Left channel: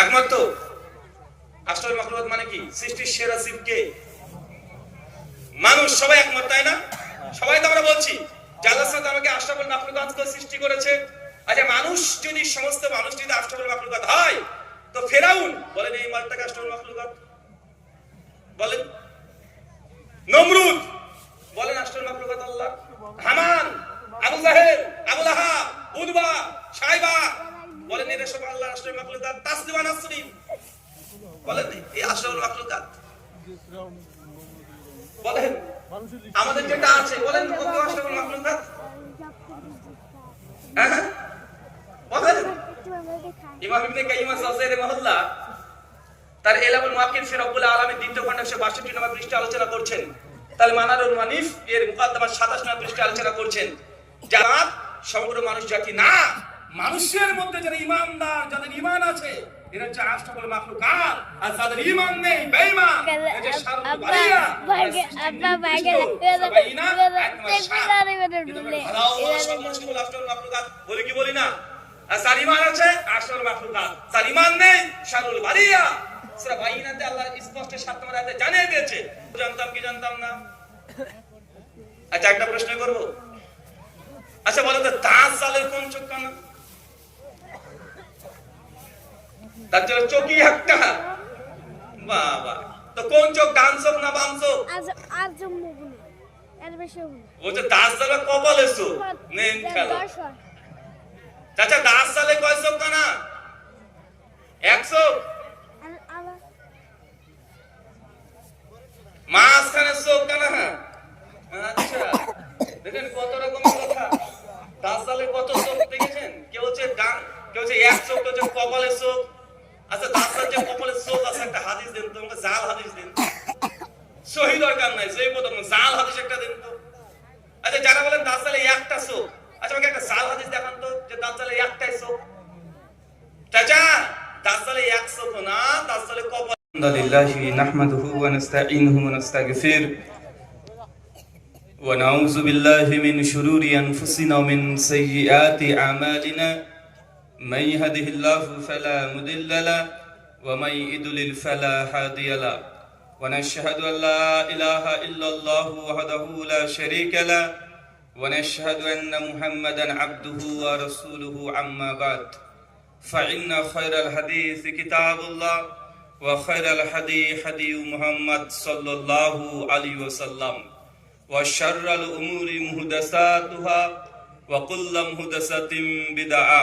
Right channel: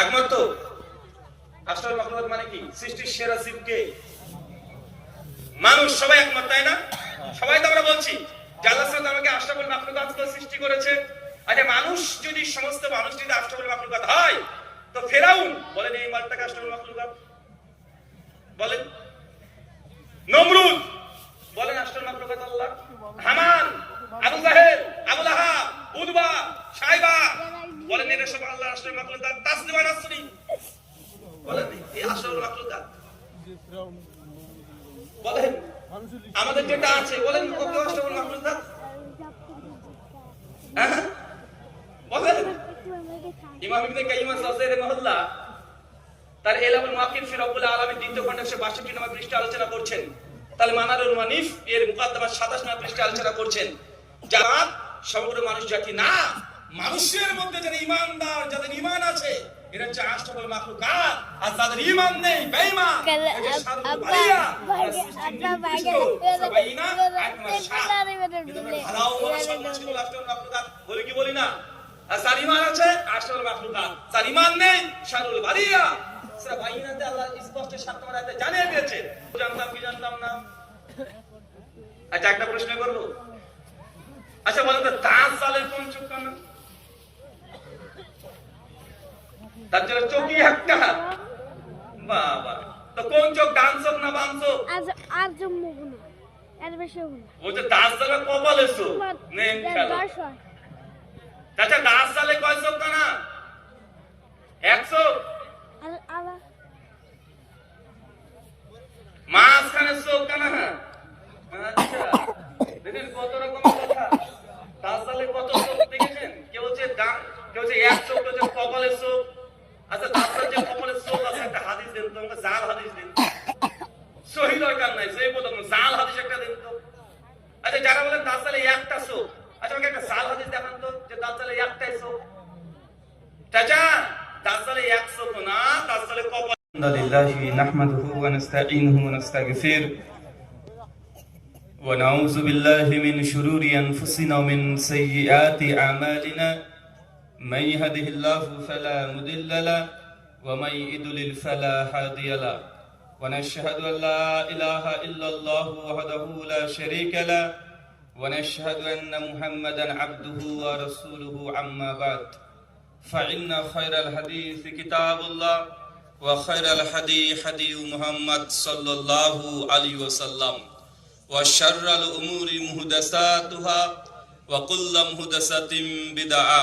একমাত্র আশরাফুল মাখলুকাত মানে কি? সৃষ্টির সেরা জীব কে? মানুষ। সবাই একমত, তাই না? সবাই তো আমরা বলছি যে আল্লাহ সুবহানাহু ওয়া তাআলা আশরাফুল মাখলুকাতকে সৃষ্টি করেছে। আচ্ছা, মানুষ যদি, সমস্ত মানুষ যদি আশরাফুল মাখলুকাত হয়, তো ফেরাউন বলেন এই মালটাকে আশরাফুল মাখলুকাত? বলেন। নমরুদ বলেন আশরাফুল মাখলুকাত আল্লাহ? হামান, আবু জাহেল, আবু লাহাব, উতবা, শাইবা বলেন এরা সব আল্লাহ আশরাফুল মাখলুকাত? তাসলিমা নাসরিন বলেন এই আশরাফুল মাখলুকাত? বলেন আমাদের যেটা আছে, বলেন কত আশরাফুল মাখলুকাত? বলেন। ইমাম ইবনে কাইয়িম আল-জাওজিয়্যি রাহিমাহুল্লাহ তার ইলামুল মুওয়াক্কিন ফি রাব্বুল আলামিন দ্বিতীয় খণ্ডে 162 নম্বর পৃষ্ঠা আলোচনা করছেন। তার মানারুল মানিফ এর মুকাদ্দমা 27 নম্বর পৃষ্ঠা আলোচনা করছেন। যারা সমগ্র মানুষ জাতি না, মানুষের মধ্যে যারা ঈমানদার, যাদের ঈমান আছে, এরা হচ্ছে আশরাফুল মাখলুকাত। আর যাদের ঈমান নেই, বেঈমান, এই যে শারুল বারিয়া, বলি কি বলি না? আর যার ঈমান আছে আশরাফুল মাখলুকাত, যার ঈমান নেই শারুল বারিয়া। সূরা বাইনাতে আল্লাহ স্পষ্ট 7 নম্বর আয়াতে জানিয়ে দিয়েছে। জানতাম কি জানতাম না? আচ্ছা, একটা প্রশ্ন করব। আচ্ছা বলেন তো, দাজ্জালের কোন চোখ কানা? দাজ্জালের চোখই একটা। বাবা, তো কোন চোখ? ডান চোখ না বাম চোখ? আর জম্মু না, এর বেশি না। ও যে দাজ্জালের কপালে চোখ নেই খেলা। চাচা, দাজ্জালে কয় চোখ কানা? এক চোখ। মাঝখানে চোখ কানা। আচ্ছা, দেখেন কত রকম কথা। দাজ্জালে কত চোখ দেখেছেন? কেউ হচ্ছে ডান, কেউ হচ্ছে এক চোখ, কেউ হচ্ছে কপালের চোখ। আচ্ছা, দাজ্জাল যে কপালের চোখ আছে, একটা হাদিস দেন তো, আমাকে জাল হাদিস দেন। সহি দরকার নাই, সেই কথা না, জাল হাদিস একটা দেন তো। আচ্ছা, যারা বলেন দাজ্জালে একটা চোখ, আচ্ছা আমাকে একটা জাল হাদিস দেখান তো যে দাজ্জালে একটাই চোখ। চাচা, দাজ্জালে এক চোখ না, দাজ্জালে কপাল। আলহামদুলিল্লাহি নাহমাদুহু ওয়া নাস্তাঈনুহু ওয়া নাস্তাগফির ওয়া নাউযু বিল্লাহি মিন শুরুরি আনফুসিনা ওয়া মিন সাইয়্যাতি আমালিনা মান ইয়াহদিহিল্লাহু ফালা মুদিল্লা লাহু ওয়া মান ইউদ্লিল ফালা হাদিয়া লাহু ওয়া নাশহাদু আল লা ইলাহা ইল্লাল্লাহু ওয়াহদাহু লা শারীকা লাহু ওয়া নাশহাদু আন্না মুহাম্মাদান আবদুহু ওয়া রাসূলুহু আম্মা বা'দ ফাইন্না খায়রাল হাদিসি কিতাবুল্লাহ وخير الهدي هدي محمد صلى الله عليه وسلم وشر الأمور محدثاتها وكل محدثة بدعة